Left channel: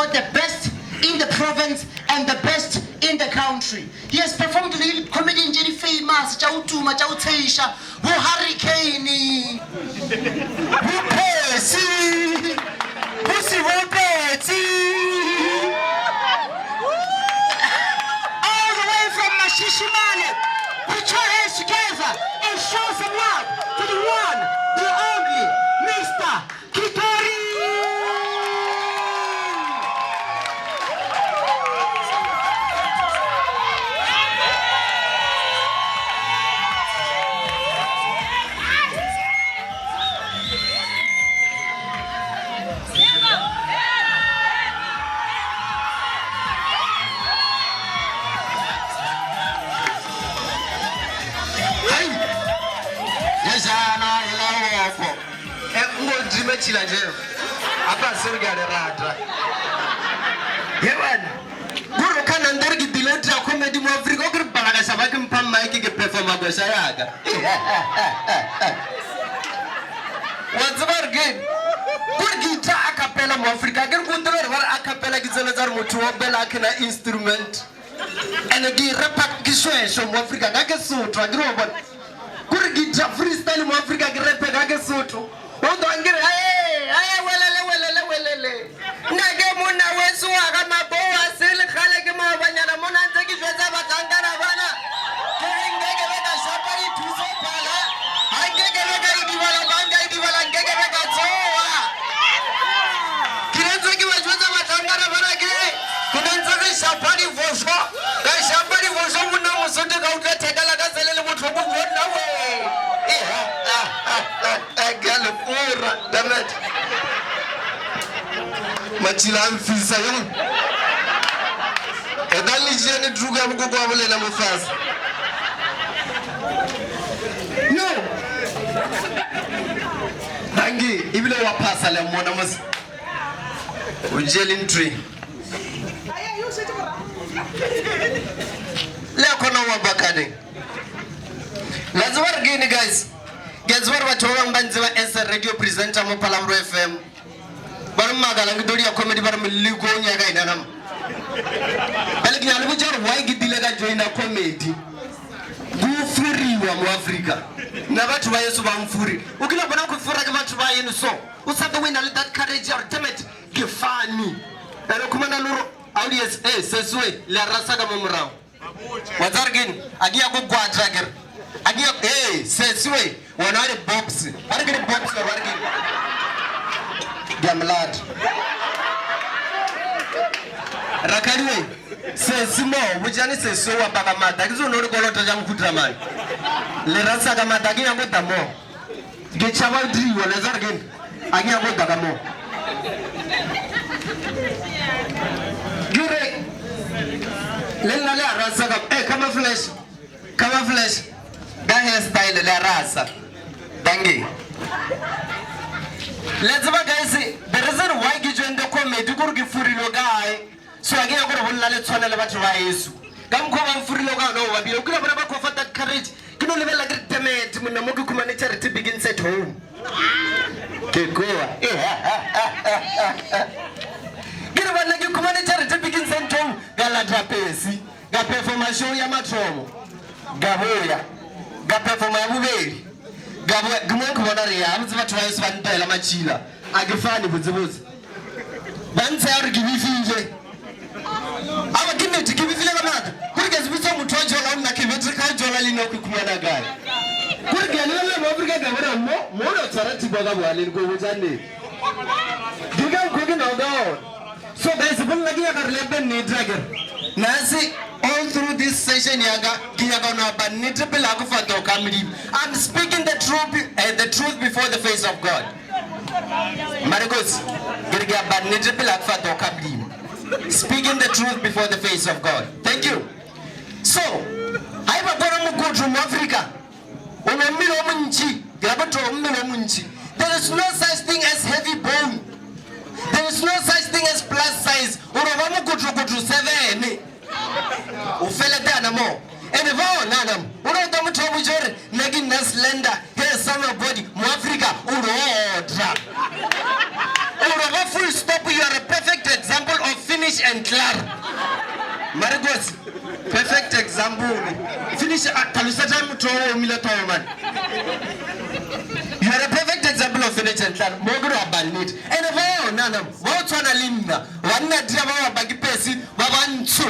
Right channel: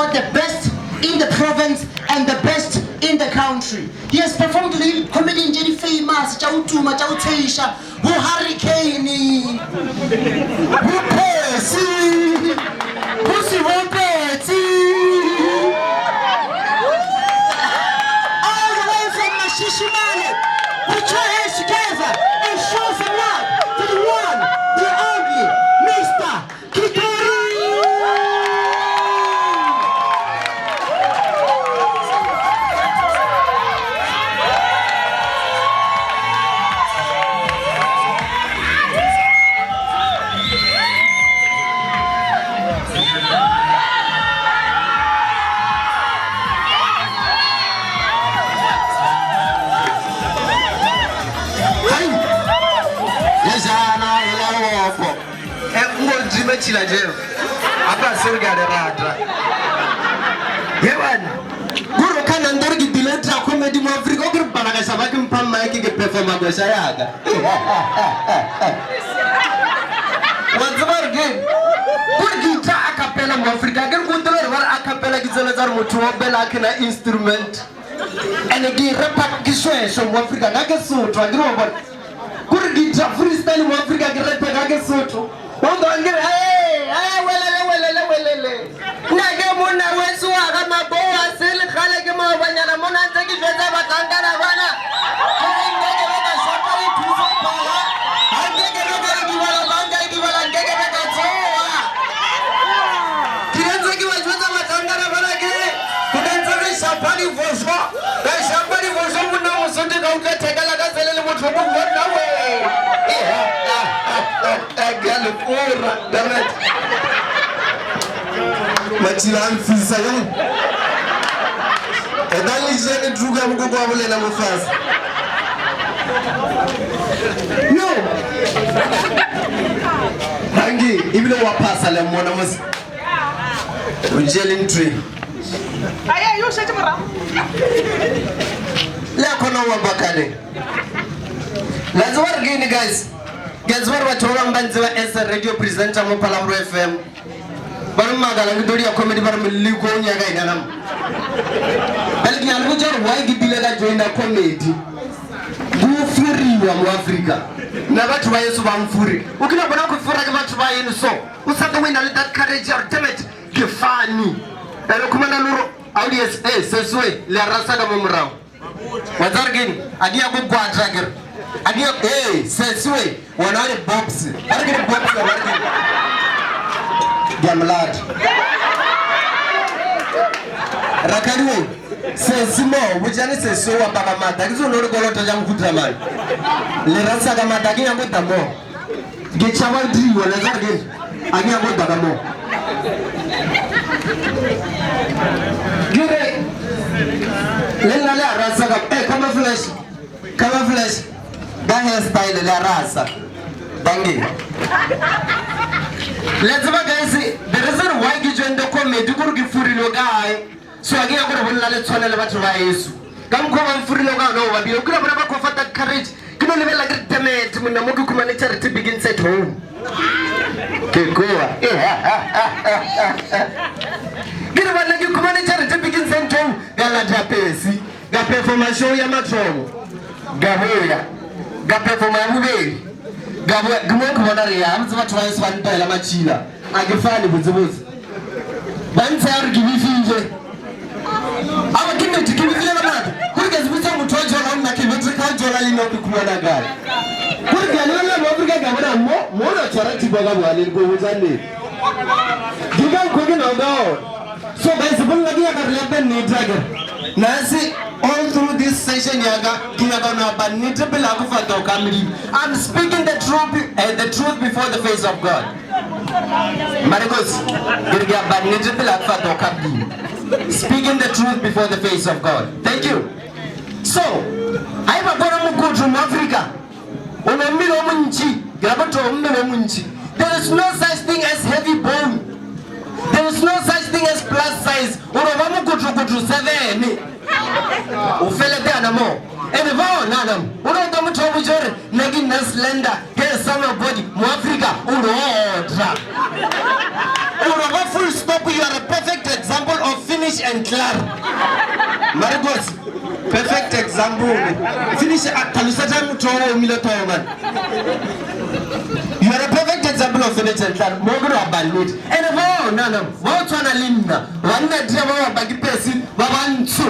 about the best in the province and the best in the country. He has performed with comedian Jenny famous, Chautuma, Chauteisha, who Hurricane, who Percy, Pussy Roberti, all the way from Mashishimane. Put your hands together and show some love to the one, the only, Mr. Kikori. Chila jeo apa surga de rata yewan guru kana ndargi dilatra comedy mo Afrika ogir banaga sabaki mpamma yake ke performa go sayaga wazbar game gurgi ta acapella mo Afrika gen kundoler war acapella gizona zar mo tuobela kana instrument ene gi rap gi so mo Afrika ga ke sutwa giro bon gurgi ta freestyle mo Afrika gi rap ga ke sutwa Ondo angire welele nage mona wesu aga maboa sele khale ke mo banyana mona ntse jwetsa batangana bana ngeke beka shopari thuso pala angeke beka dibala banga dibala ngeke beka tsoa kirenzo ke bajwetsa batangana bana ke kudenza ke shopari vosho mona musonde ka utle thekala ka selele motho go bona we Galo ora damat Machila amfisa yo Edali jene druga mko kwa bolela mufasa No Hangi ibile wapasa le mona mus Ujelin tree Aya yo shete mara La kona wabakale Lazwar gini guys Guess what Mbanziwa as a radio presenter mo Palambro FM. Bar magala ngidori ya comedy bar miligo nyaga inagam. Balgi albujar why gidilega join comedy. Bu furi wa mu Africa. Na batu ba Yesu ba mfuri. Ukina bona ku fura ke batu ba yenu so. Usaka wina let that courage ultimate ke fani. Ero kumana luro audience seswe la rasa da mumrao. Wazargin agia ku quadrager. Agia seswe wanare box. Argin box wargin. Gamlad. Rakariwe sesimo bujani seso wa baba mata kizo no golo to jam kudramani. Le rasa ga mata gi yango damo. Ge chawa dri wala zargin. Agi yango damo. Gire Lena le rasa ga kama flash. Da hairstyle le rasa. Dangi. Let's go guys. The reason why you join the comedy gurgi furi lo guy. So agi yango bolla le tsona le batho ba Yesu. Kam ko ba furi lo ga no ba bi. Ukira bona ba ko fata courage. Kino le bela great muna modu kuma charity begins at home. Kekoa. Kino bana ki kuma charity begins at home. Gala trapezi. Ga performance ya matromo. Gahoya. Ga performance mubeli. Gumoko bona re ya mtsi batho ba Yesu ba ntela machila. Agefani buzibuzi. Bantse ya re gibifinje. Awa kimi tikibikile banatu. Kurike zibutsa muthu wa jola una kibitsi ka jola lino kukumana gala. Kurike lelo lo Afrika gabana mo no charity boga bwale go buzane. Diga ko no go. So guys bun lagi ya karle ni dragger. Nasi all through this session yaga kiyaga no banite bila kufato kamili. I'm speaking the truth before the face of God. Marcos girga banite bila kufato kamili. Speaking the truth before the face of God. Thank you. So, I have a good from Africa. There is no such thing as heavy bone. There is no such thing as plus size. And if all nanam, nagin slender, hair summer body, Africa, full stop. You are a perfect example of finish and clap. Marcos, perfect example. Finish talusata mtowo umiletowo man. You are a perfect example of finish and clap. Mogro abanit. And no, what wana linda. Wana dia wa bagi pesi, wa wantu.